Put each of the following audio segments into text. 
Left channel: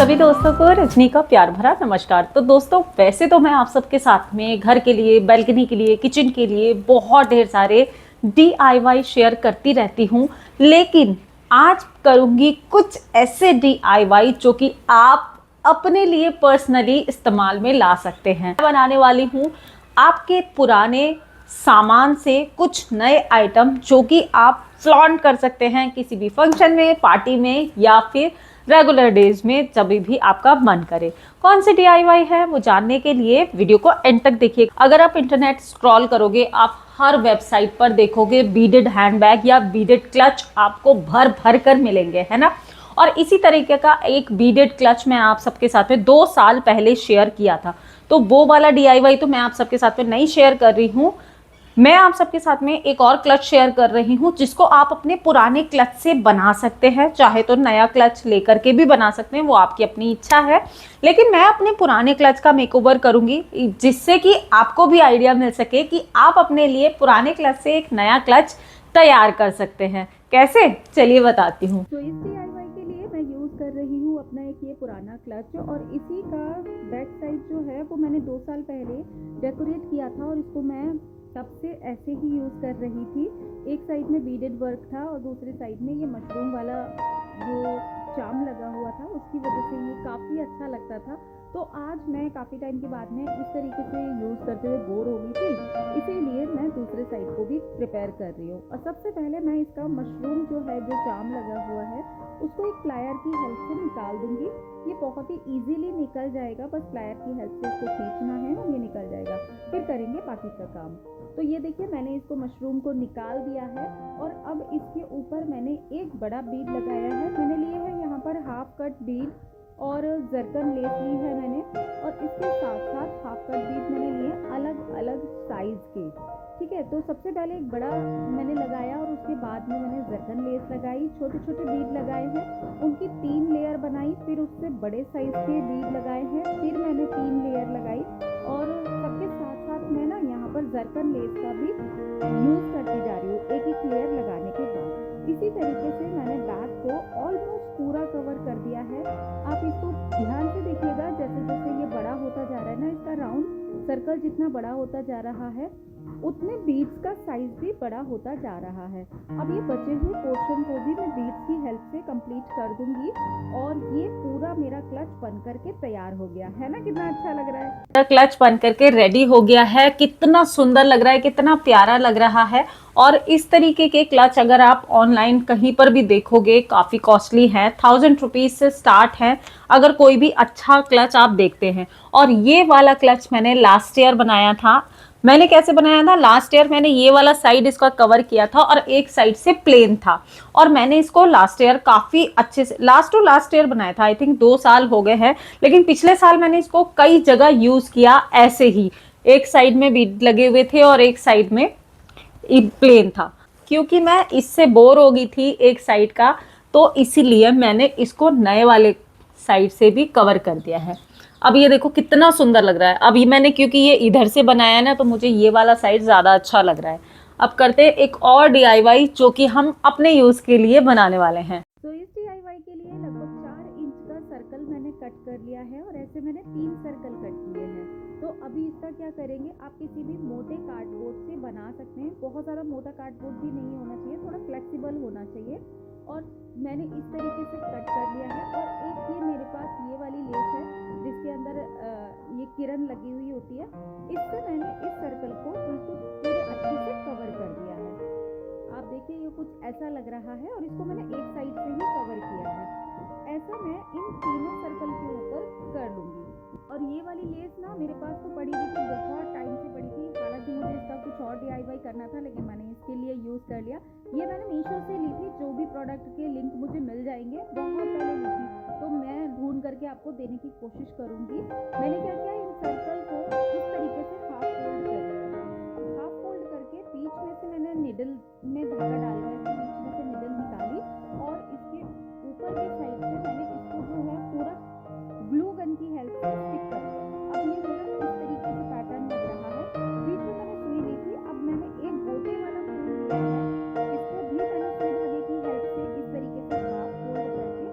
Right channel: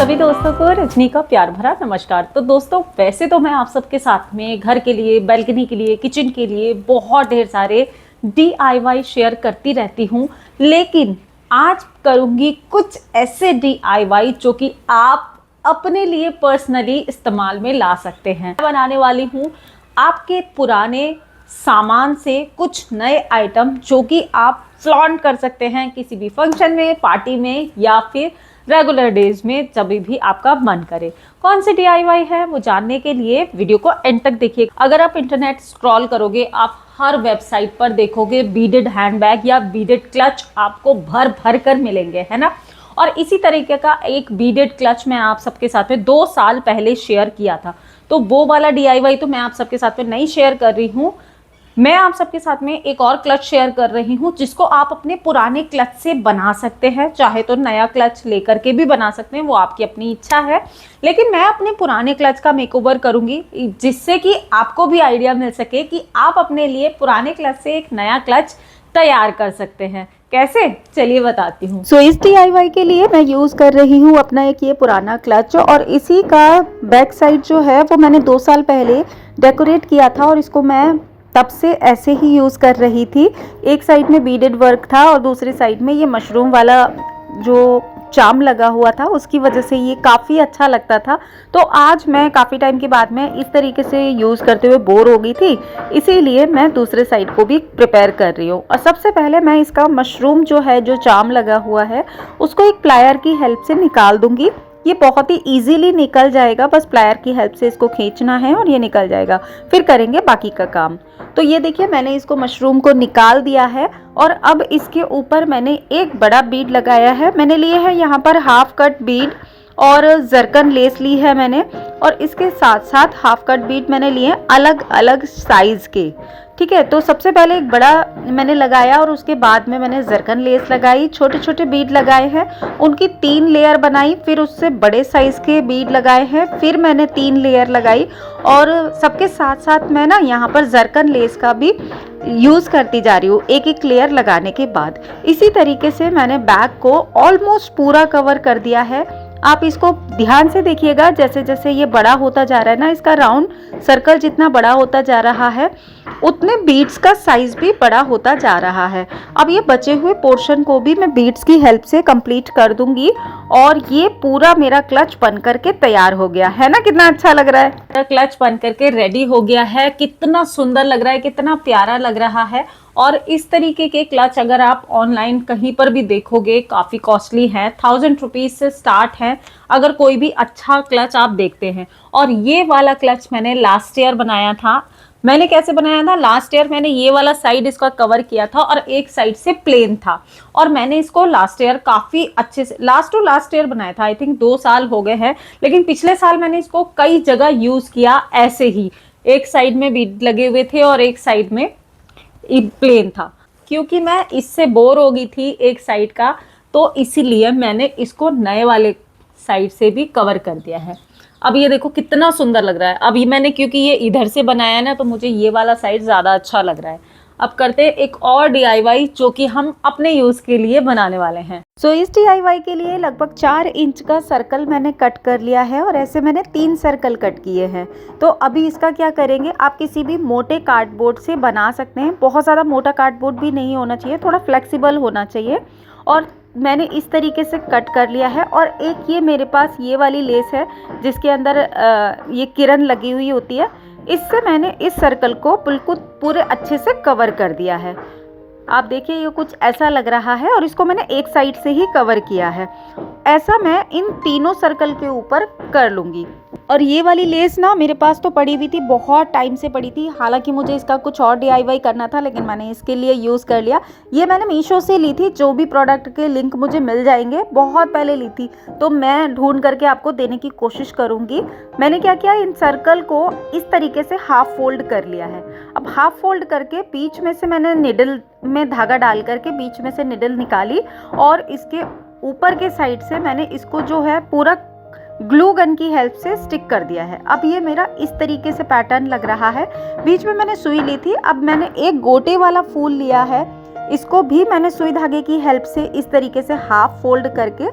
सभी दोस्तों को रजनी का प्यार भरा नमस्कार। तो दोस्तों, वैसे तो मैं आप सबके साथ में घर के लिए, बैल्कनी के लिए, किचन के लिए बहुत ढेर सारे DIY शेयर करती रहती हूँ, लेकिन आज करूँगी कुछ ऐसे DIY जो कि आप अपने लिए पर्सनली इस्तेमाल में ला सकते हैं। बनाने वाली हूँ आपके पुराने सामान से कुछ नए आइटम जो कि आप फ्लॉन्ट कर सकते हैं किसी भी फंक्शन में, पार्टी में या फिर रेगुलर डेज में, जब भी आपका मन करे। कौन से DIY है वो जानने के लिए वीडियो को एंड तक देखिए। अगर आप इंटरनेट स्क्रॉल करोगे, आप हर वेबसाइट पर देखोगे बीडेड हैंडबैग या बीडेड क्लच आपको भर भर कर मिलेंगे, है ना। और इसी तरीके का एक बीडेड क्लच मैं आप सबके साथ में 2 साल पहले शेयर किया था। तो वो वाला DIY तो मैं आप सबके साथ में नहीं शेयर कर रही हूँ। मैं आप सबके साथ में एक और क्लच शेयर कर रही हूँ जिसको आप अपने पुराने क्लच से बना सकते हैं। चाहे तो नया क्लच लेकर के भी बना सकते हैं, वो आपकी अपनी इच्छा है। लेकिन मैं अपने पुराने क्लच का मेकओवर करूंगी जिससे कि आपको भी आइडिया मिल सके कि आप अपने लिए पुराने क्लच से एक नया क्लच तैयार कर सकते हैं। कैसे, चलिए बताती हूँ। इस DIY के लिए मैं यूज़ कर रही हूँ अपना एक ये पुराना क्लच, और इसी का बैक साइड जो है वो मैंने 2 साल पहले डेकोरेट किया था और इसको मैं तब से ऐसे ही यूज़ कर रही थी। एक साइड में बीडेड वर्क था और दूसरी साइड में ये मशरूम वाला जो चार्म लगा हुआ था, उसकी वजह से ये काफ़ी अच्छा लगता था। तो आज मैं काफ़ी टाइम के बाद में इस तरीके से यूज़ करते हुए बोर हो गई थी, इसीलिए मैं दूसरे साइड को भी प्रिपेयर कर रही हूँ। और सबसे पहले मैं इसका मशरूम जो है, जो चार्म लगा हुआ है, उसको एक प्लायर की हेल्प से निकाल दूंगी। ये बहुत ही इजीली निकल जाएगा, बस प्लायर की हेल्प से इसको खींचना है और ये निकल जाएगा। फिर करेंगे बाकी का काम। तो ये देखिए, मैंने इसको मशरूम को निकाल दिया है और अब इसके ऊपर मैंने एक बड़ा बीड लगाया है। मैंने लिए है यहाँ पर हाफ कट बीड और जरकन लेस ली है मैंने, और इसके साथ साथ हाफ कट बीड मैंने लिए अलग अलग साइज के। ठीक है, तो सबसे पहले एक बड़ा मैंने लगाया और उसके बाद में मैंने जरकन लेस लगाई, छोटे छोटे बीड लगाए हैं, उनकी 3 लेयर बनाई, फिर उससे बड़े साइज के बीड लगाए हैं, फिर मैंने 3 लेयर लगाई। और सबके साथ साथ मैं ना यहाँ पर जरकन लेस का भी यूज़ करती जा रही हूँ एक एक लेयर लगाने के बाद। इसी तरीके से मैंने बैग को ऑलमोस्ट पूरा कवर कर दिया है। आप इसको ध्यान से देखिएगा, जैसे जैसे ये बड़ा होता जा रहा है ना, इसका राउंड सर्कल जितना बड़ा होता जा रहा है, उतने बीड्स का साइज भी बड़ा होता जा रहा है। अब ये बचे हुए पोर्शन को भी मैं बीड्स की हेल्प से कंप्लीट कर दूंगी और ये पूरा मेरा क्लच बन करके तैयार हो गया है ना। कितना अच्छा लग रहा है, क्लच बन करके रेडी हो गया है। कितना सुंदर लग रहा है, कितना प्यारा लग रहा है। और इस तरीके के क्लच अगर आप ऑनलाइन कहीं पर भी देखोगे, काफ़ी कॉस्टली है, 1000 रुपीज़ से स्टार्ट है अगर कोई भी अच्छा क्लच आप देखते हैं। और ये वाला क्लच मैंने लास्ट ईयर बनाया था। मैंने कैसे बनाया था, लास्ट ईयर मैंने ये वाला साइड इसका कवर किया था और एक साइड से प्लेन था, और मैंने इसको लास्ट ईयर काफ़ी अच्छे से लास्ट ईयर बनाया था। आई थिंक 2 साल हो गए हैं, लेकिन पिछले साल मैंने इसको कई जगह यूज़ किया ऐसे ही। एक साइड में बीड लगे हुए थे और एक साइड में प्लेन था, क्योंकि मैं इससे बोर हो गई थी एक साइड का, तो इसीलिए मैंने इसको नए वाले साइड से भी कवर कर दिया है। अब ये देखो कितना सुंदर लग रहा है। अब ये मैंने, क्योंकि ये इधर से बनाया है ना, तो मुझे ये वाला साइड ज़्यादा अच्छा लग रहा है। अब करते हैं एक और DIY जो कि हम अपने यूज़ के लिए बनाने वाले हैं। इस DIY के लिए लगभग 4 इंच का सर्कल मैंने कट कर लिया है और ऐसे मैंने 3 सर्कल कट किए हैं। तो अभी इसका क्या करेंगे, आप किसी भी मोटे कार्डबोर्ड से बना सकते हैं। बहुत ज़्यादा मोटा कार्डबोर्ड भी नहीं होना चाहिए, थोड़ा फ्लेक्सिबल होना चाहिए। और मैंने इस तरीके से कट कर लिया है। और एक ये मेरे पास ये वाली लेस है जिसके अंदर ये किरण लगी हुई होती है, इससे मैंने इस सर्कल को बिल्कुल पूरे अच्छे से कवर कर दिया है। आप देखिए, ये कुछ ऐसा लग रहा है और इसको मैंने एक साइड से ही कवर किया है। ऐसा मैं इन तीनों सर्कल के ऊपर कर लूँगी। और ये वाली लेस ना मेरे पास तो पड़ी हुई थी, बहुत टाइम से पड़ी थी। हालांकि मुझे इसका कुछ और DIY करना था, लेकिन मैंने इसके लिए यूज़ कर लिया। ये मैंने मीशो से ली थी, जो भी प्रोडक्ट के लिंक मुझे मिल जाएंगे, बहुत पहले ली थी, तो मैं ढूंढ करके आपको देने की कोशिश करूँगी। मैंने क्या किया, इन सर्कल को इस तरीके से हाफ फोल्ड कर लिया है। अब हाफ फोल्ड करके बीच में से मैंने निडल में धागा डाल करके बीच में से निडल निकाली और इसके ऊपर के साइड से मैंने इसको जो है पूरा ग्लू गन की हेल्प से स्टिक कर दिया है। अब ये मेरा इस तरीके से पैटर्न लग रहा है। बीच में मैंने सुई ली थी। अब मैंने एक गोटे वाला फूल लिया है, इसको भी मैंने सुई धागे की हेल्प से इस तरीके से हाफ फोल्ड करके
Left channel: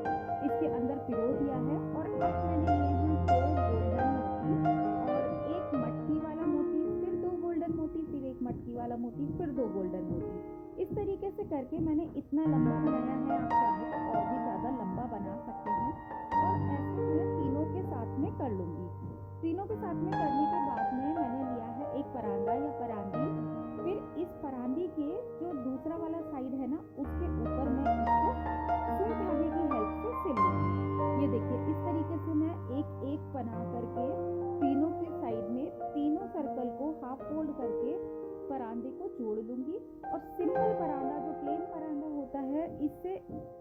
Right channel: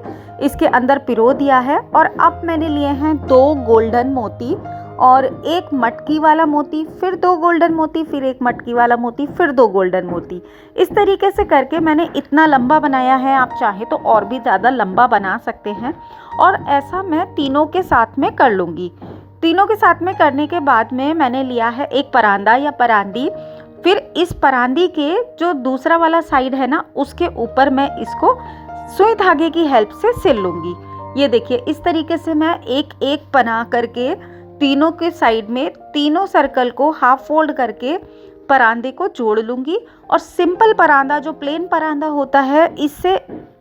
इसके अंदर पिरो दिया है। और अब मैंने लिए हैं 2 गोल्डन मोती और एक मटकी वाला मोती, फिर 2 गोल्डन मोती, फिर एक मटकी वाला मोती, फिर 2 गोल्डन मोती। इस तरीके से करके मैंने इतना लंबा बनाया है। आप चाहे तो और भी ज़्यादा लंबा बना सकते हैं। और ऐसा मैं तीनों के साथ में कर लूँगी। तीनों के साथ में करने के बाद में मैंने लिया है एक परांदा या परांदी। फिर इस परांदी के जो दूसरा वाला साइड है ना, उसके ऊपर मैं इसको सुई धागे की हेल्प से सिल लूँगी। ये देखिए, इस तरीके से मैं एक एक बना करके तीनों के साइड में तीनों सर्कल को हाफ फोल्ड करके परांदे को जोड़ लूँगी। और सिंपल परांदा, जो प्लेन परांदा होता है, इससे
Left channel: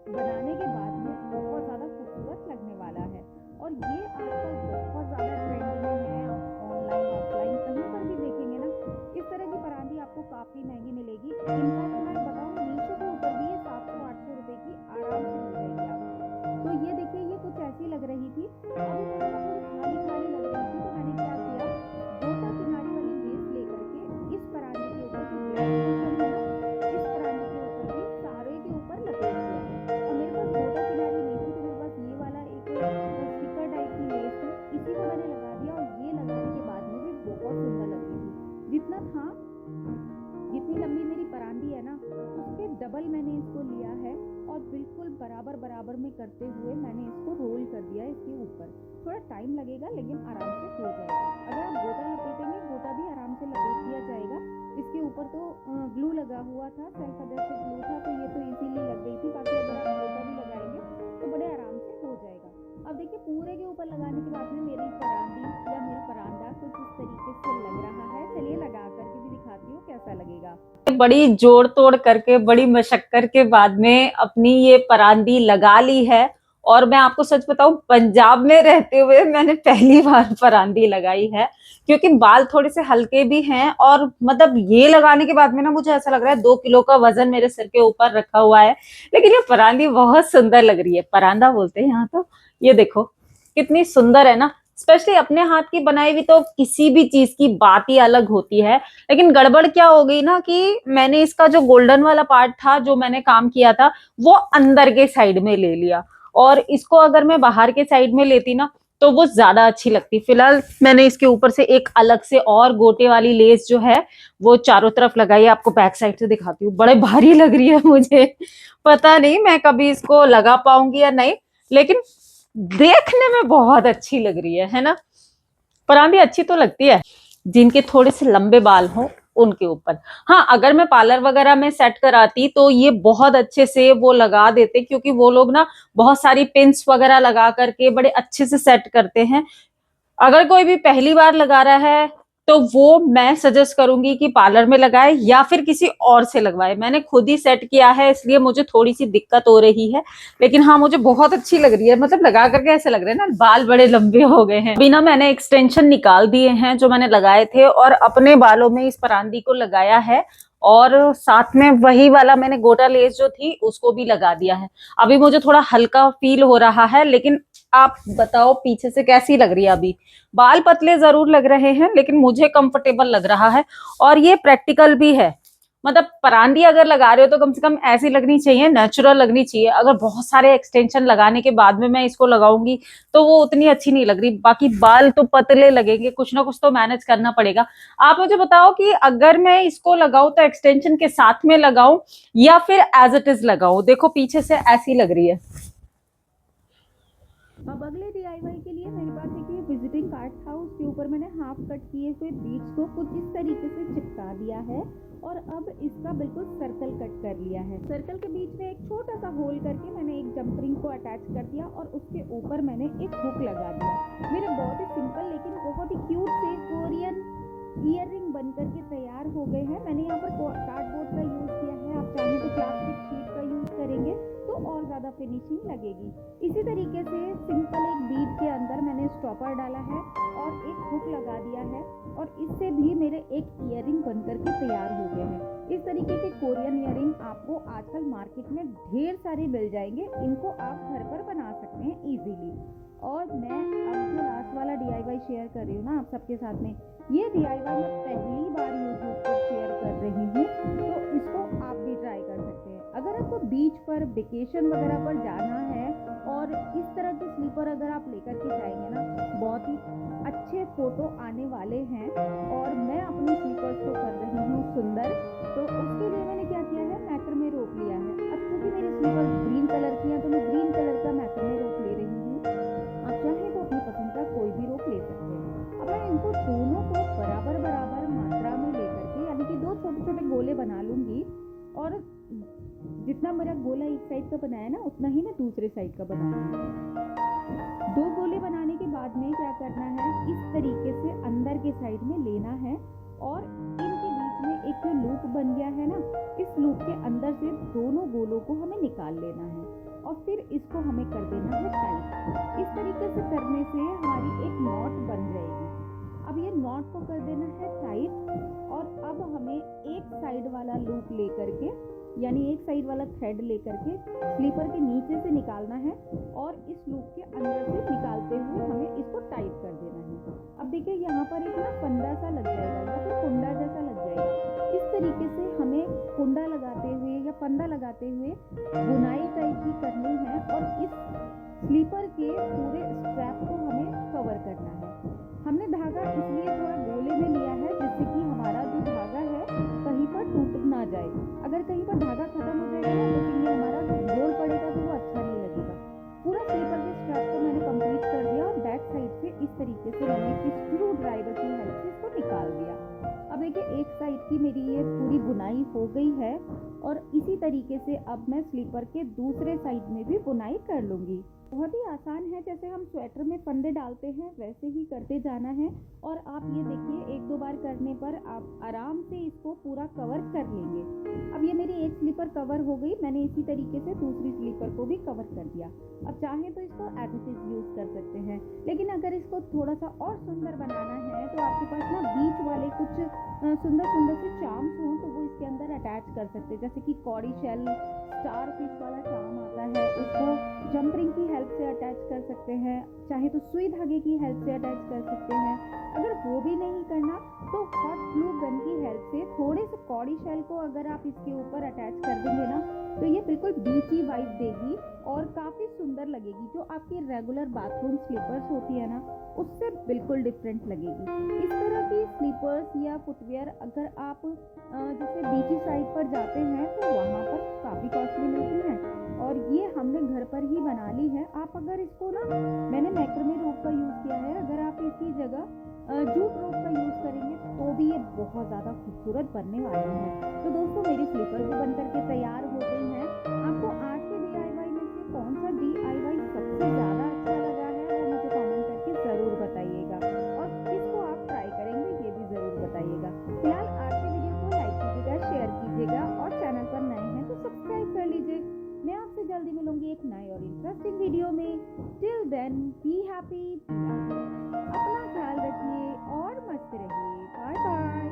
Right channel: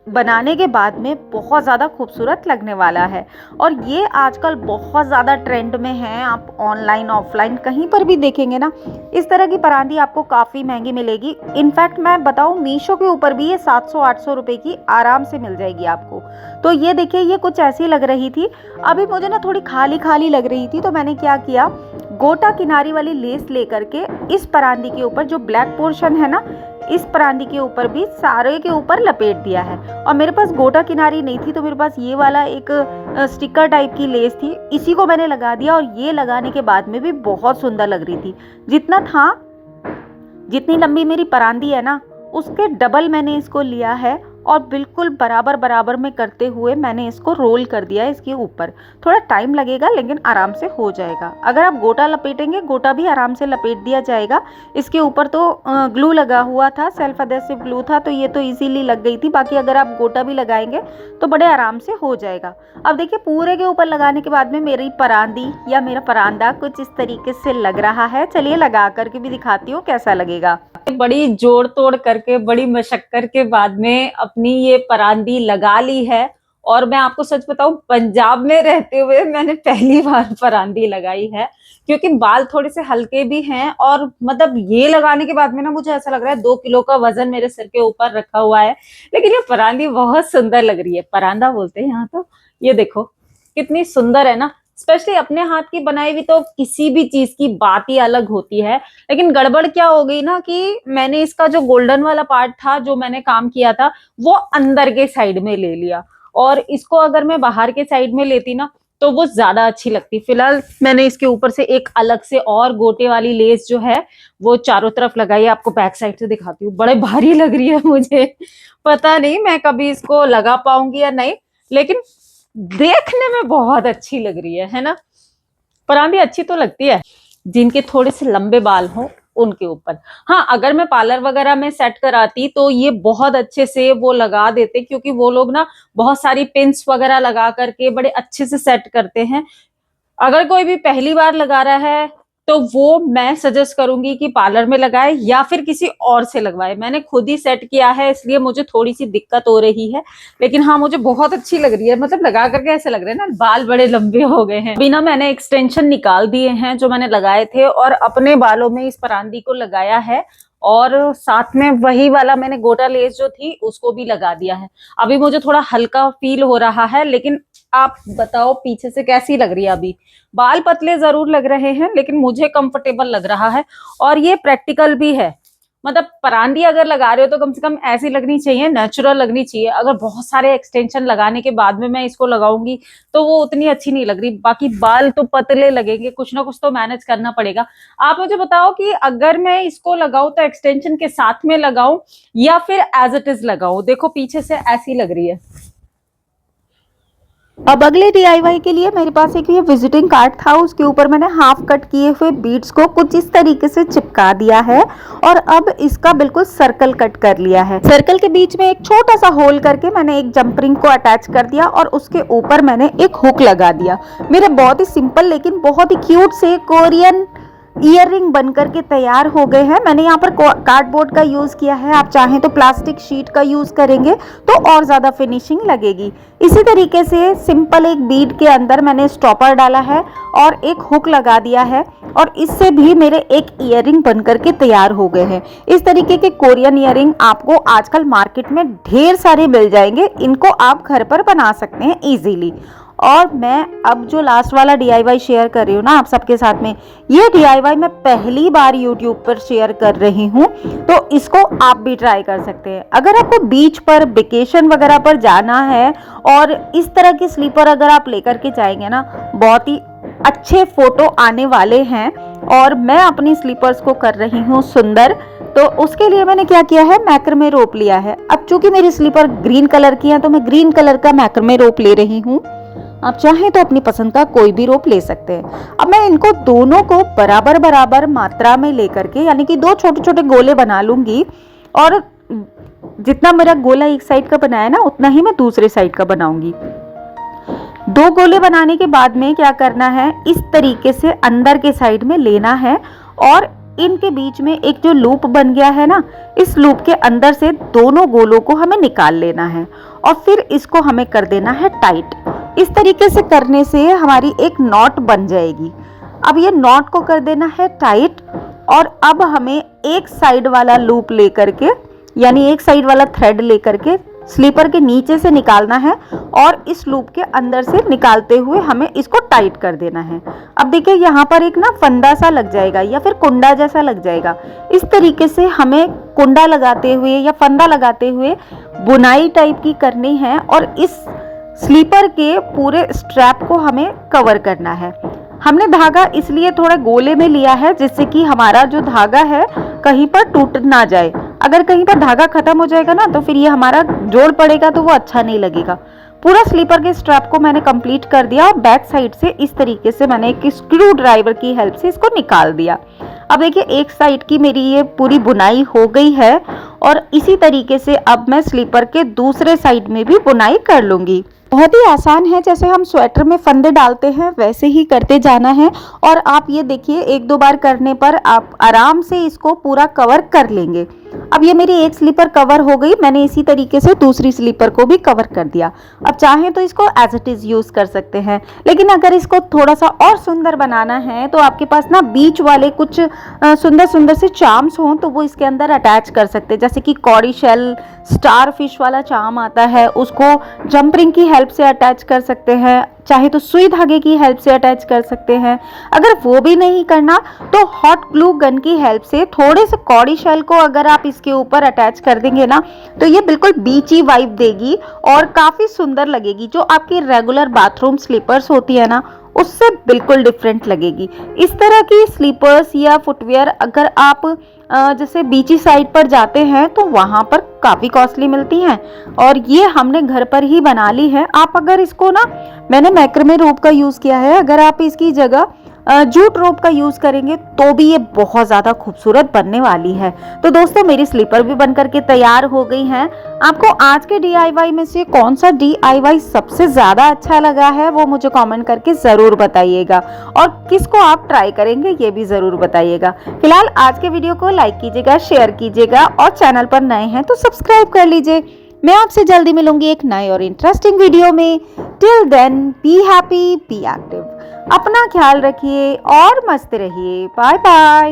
बनाने के बाद में बहुत ज़्यादा खूबसूरत लगने वाला है। और ये आजकल बहुत ज़्यादा ट्रेंड में है। आप ऑनलाइन ऑफलाइन कहीं पर भी देखेंगे ना, इस तरह की परांदी आपको काफ़ी महंगी मिलेगी। इनफैक्ट मैं बताऊँ, मीशो के ऊपर भी ये 700-800 रुपये की आराम से मिल जाएगी आपको। तो ये देखिए, ये कुछ ऐसी लग रही थी। अभी मुझे ना थोड़ी खाली खाली लग रही थी, तो मैंने क्या किया, गोटा किनारी वाली लेस लेकर के इस परांदी के ऊपर जो ब्लैक पोर्शन है ना, इस परांदी के ऊपर भी सारे के ऊपर लपेट दिया है। और मेरे पास गोटा किनारी नहीं थी, तो मेरे पास ये वाला एक स्टिकर टाइप की लेस थी, इसी को मैंने लगा दिया। और ये लगाने के बाद में भी बहुत सुंदर लग रही थी। जितनी लंबी मेरी परांदी है ना, उसके डबल मैंने इसको लिया है और बिल्कुल बराबर बराबर में करते हुए मैंने इसको रोल कर दिया है इसके ऊपर। थोड़ा टाइम लगेगा लेकिन आराम से हो जाएगा। अगर आप गोटा लपेटेंगे, गोटा भी आराम से लपेट दिया जाएगा। इसके ऊपर तो ग्लू लगा हुआ था, सेल्फ अडेसिव ग्लू था, तो ये तो इजीली लग गई थी। बाकी अगर आप गोटा भी लगाएंगे तो बड़े आराम से हो जाएगा। अब देखिए, पूरे के ऊपर लगाने के बाद में मेरी परांदी या मेरा परांदा कुछ इस तरीके से लग रहा है। चलिए लगा करके भी दिखाती हूँ कैसा लगेगा। बड़ी जोड़ तोड़ करके, बड़ी मशक्कत के बाद में अपनी ये परांदी लगा ली है। और मैं आपको सच बताऊं, पंजाब में रहते हुए मैंने पहली बार परांदी लगाई है, क्योंकि बाल थोड़े से हल्के भी हैं। और मतलब ये लगाने के बाद में ना, मुझे ऐसा लग रहा है 2 किलो का वजन मेरे सिर के ऊपर रखा हुआ है। लेकिन ये परांदी बहुत सुंदर लग रही है। परांदा बोलते हैं यहाँ तो। ये देखो कितनी सुंदर है ना। स्पेशली अपने हाथ की बनाई हुई तो किसी भी चीज की बात ही अलग होती है। लेकिन गड़बड़ क्या हो गई ना, कि मैंने इसका जो गोल्डन वाला पार्ट था, जो मैंने काम किया था, वो अंदर के साइड में ले लिया। और इसको अगर मैं बाहर के साइड में लेती ना, तो वो ज्यादा अच्छी लगती। फिलहाल मैंने इसके ऊपर से एक अलग से और गोटे वाली लेस जो है वो चारों तरफ लगाई है। आपको बैक साइड से दिखाती हूँ। बड़े भारी लग रही है मुझे, पता नहीं मैं कभी इसको लगा पाऊंगी या नहीं, लेकिन देखने में बहुत अच्छी लग रही है ना। परांदी अच्छी तो लगती है जिनके थोड़े से लंबे बाल हों उनके ऊपर। हाँ, अगर मैं पार्लर वगैरह में सेट कराती तो ये बहुत अच्छे से वो लगा देते, क्योंकि वो लोग ना बहुत सारी पिन्स वगैरह लगा करके बड़े अच्छे से सेट करते हैं। अगर कोई भी पहली बार लगा रहा है तो वो मैं सजेस्ट करूंगी कि पार्लर में लगाए या फिर किसी और से लगवाए। मैंने खुद ही सेट किया है, इसलिए मुझे थोड़ी सी दिक्कत हो रही है। लेकिन हाँ, मुझे बहुत अच्छी लग रही है। मतलब लगा करके ऐसे लग रहे हैं ना, बाल बड़े लंबे हो गए हैं। बिना मैंने एक्सटेंशन निकाल दिए हैं जो मैंने लगाए थे, और अपने बालों में इस परांदी को लगाया है। और साथ में वही वाला मैंने गोटा लेस जो थी उसको भी लगा दिया है। अभी मुझे थोड़ा हल्का फील हो रहा है, लेकिन आप बताओ पीछे से कैसी लग रही है। अभी बाल पतले जरूर लग रहे हैं, लेकिन मुझे कंफर्टेबल लग रहा है। और ये प्रैक्टिकल भी है। मतलब परांदी अगर लगा रहे हो तो कम से कम ऐसी लगनी चाहिए, नेचुरल लगनी चाहिए। अगर बहुत सारे एक्सटेंशन लगाने के बाद में मैं इसको लगाऊंगी तो वो उतनी अच्छी नहीं लग रही। बाकी बाल तो पतले लगेंगे, कुछ ना कुछ तो मैनेज करना पड़ेगा। आप मुझे बताओ कि अगर मैं इसको लगाऊं तो एक्सटेंशन के साथ में लगाऊं या फिर एज इट इज लगाऊं। देखो पीछे से ऐसी लग रही है। अब अगले DIY के लिए मेरे पास एक ये विजिटिंग कार्ड था, उसके ऊपर मैंने हाफ कट किए हुए बीड्स को कुछ इस तरीके से चिपका दिया है। और अब इसका बिल्कुल सर्कल कट कर लिया है। सर्कल के बीच में एक छोटा सा होल करके मैंने एक जंप रिंग को अटैच कर दिया और उसके ऊपर मैंने एक हुक लगा दिया। मेरे बहुत ही सिंपल लेकिन बहुत ही क्यूट से कोरियन ईयर रिंग बनकर के तैयार हो गए हैं। मैंने यहाँ पर कार्डबोर्ड का यूज किया है, आप चाहें तो प्लास्टिक शीट का यूज करेंगे तो और ज्यादा फिनिशिंग लगेगी। इसी तरीके से सिंपल एक बीड के अंदर मैंने स्टॉपर डाला है और एक हुक लगा दिया है, और इससे भी मेरे एक ईयर रिंग बनकर के तैयार हो गए हैं। इस तरीके के कोरियन ईयर रिंग आपको आजकल मार्केट में ढेर सारे मिल जाएंगे। इनको आप घर पर बना सकते हैं इजीली। और मैं अब जो लास्ट वाला DIY शेयर कर रही हूँ ना आप सबके साथ में, ये DIY मैं पहली बार YouTube पर शेयर कर रही हूँ, तो इसको आप भी ट्राई कर सकते हैं। अगर आपको बीच पर वेकेशन वगैरह पर जाना है और इस तरह की स्लीपर अगर आप लेकर के जाएंगे ना, बहुत ही अच्छे फोटो आने वाले हैं। और मैं अपनी स्लीपर्स को कर रही हूँ सुंदर, तो उसके लिए मैंने क्या किया है, मैक्रमे रोप लिया है। अब चूंकि मेरी स्लीपर ग्रीन कलर की है तो मैं ग्रीन कलर का मैक्रमे रोप ले रही हूँ। आप चाहें तो अपनी पसंद का कोई भी रोप ले सकते हैं। अब मैं इनको दोनों को बराबर बराबर मात्रा में लेकर के, यानी कि 2 छोटे छोटे गोले बना लूंगी, और जितना मेरा गोला एक साइड का बनाया ना उतना ही मैं दूसरे साइड का बनाऊंगी। 2 गोले बनाने के बाद में क्या करना है, इस तरीके से अंदर के साइड में लेना है और इनके बीच में एक जो लूप बन गया है ना, इस लूप के अंदर से दोनों गोलों को हमें निकाल लेना है और फिर इसको हमें कर देना है टाइट। इस तरीके से करने से हमारी एक नॉट बन जाएगी। अब ये नॉट को कर देना है टाइट, और अब हमें एक साइड वाला लूप लेकर के, यानी एक साइड वाला थ्रेड लेकर के स्लीपर के नीचे से निकालना है और इस लूप के अंदर से निकालते हुए हमें इसको टाइट कर देना है। अब देखिए यहाँ पर एक ना फंदा सा लग जाएगा या फिर कुंडा जैसा लग जाएगा। इस तरीके से हमें कुंडा लगाते हुए या फंदा लगाते हुए बुनाई टाइप की करनी है और इस स्लीपर के पूरे स्ट्रैप को हमें कवर करना है। हमने धागा इसलिए थोड़ा गोले में लिया है जिससे कि हमारा जो धागा है कहीं पर टूट ना जाए। अगर कहीं पर धागा खत्म हो जाएगा ना तो फिर ये हमारा जोड़ पड़ेगा तो वो अच्छा नहीं लगेगा। पूरा स्लीपर के स्ट्रैप को मैंने कंप्लीट कर दिया और बैक साइड से इस तरीके से मैंने एक स्क्रू ड्राइवर की हेल्प से इसको निकाल दिया। अब देखिए एक साइड की मेरी ये पूरी बुनाई हो गई है और इसी तरीके से अब मैं स्लीपर के दूसरे साइड में भी बुनाई कर लूंगी। बहुत ही आसान है, जैसे हम स्वेटर में फंदे डालते हैं वैसे ही करते जाना है। और आप ये देखिए 1-2 बार करने पर आप आराम से इसको पूरा कवर कर लेंगे। अब ये मेरी एक स्लीपर कवर हो गई, मैंने इसी तरीके से दूसरी स्लीपर को भी कवर कर दिया। अब चाहें तो इसको एज इट इज यूज कर सकते हैं, लेकिन अगर इसको थोड़ा सा और सुंदर बनाना है तो आपके पास ना बीच वाले कुछ सुंदर सुंदर से चार्म्स हों तो वो इसके अंदर अटैच कर सकते हैं। जैसे कि कॉडी शेल स्टार फिश वाला चार्म आता है, उसको जंप रिंग की हेल्प से अटैच कर सकते हैं, चाहे तो सुई धागे की हेल्प से अटैच कर सकते हैं। अगर वो भी नहीं करना तो हॉट ग्लू गन की हेल्प से थोड़े से कॉडी शेल को अगर आप इसके ऊपर अटैच कर देंगे ना तो ये बिल्कुल बीची वाइब देगी और काफी सुंदर लगेगी। जो आपकी रेगुलर बाथरूम स्लीपर्स होती है ना उससे बिल्कुल डिफरेंट लगेगी। इस तरह की स्लीपर्स या फुटवेयर अगर आप जैसे बीची साइड पर जाते हैं तो वहां पर काफी कॉस्टली मिलती हैं और ये हमने घर पर ही बना ली है। आप अगर इसको ना, मैंने मैक्रमे रोप का यूज किया है, अगर आप इसकी जगह जूट रोप का यूज करेंगे तो भी ये बहुत ज्यादा खूबसूरत बनने वाली है। तो दोस्तों मेरी स्लीपर भी बनकर के तैयार हो गई हैं। आपको आज के DIY में से कौन सा DIY सबसे ज्यादा अच्छा लगा है वो मुझे कमेंट करके जरूर बताइएगा और किसको आप ट्राई करेंगे ये भी जरूर बताइएगा। फिलहाल आज के वीडियो को लाइक कीजिएगा, शेयर कीजिएगा और चैनल पर नए हैं तो सब्सक्राइब कर लीजिए। मैं आपसे जल्दी मिलूंगी एक नए और इंटरेस्टिंग वीडियो में। Till then be happy, be active, अपना ख्याल रखिए और मस्त रहिए। Bye bye.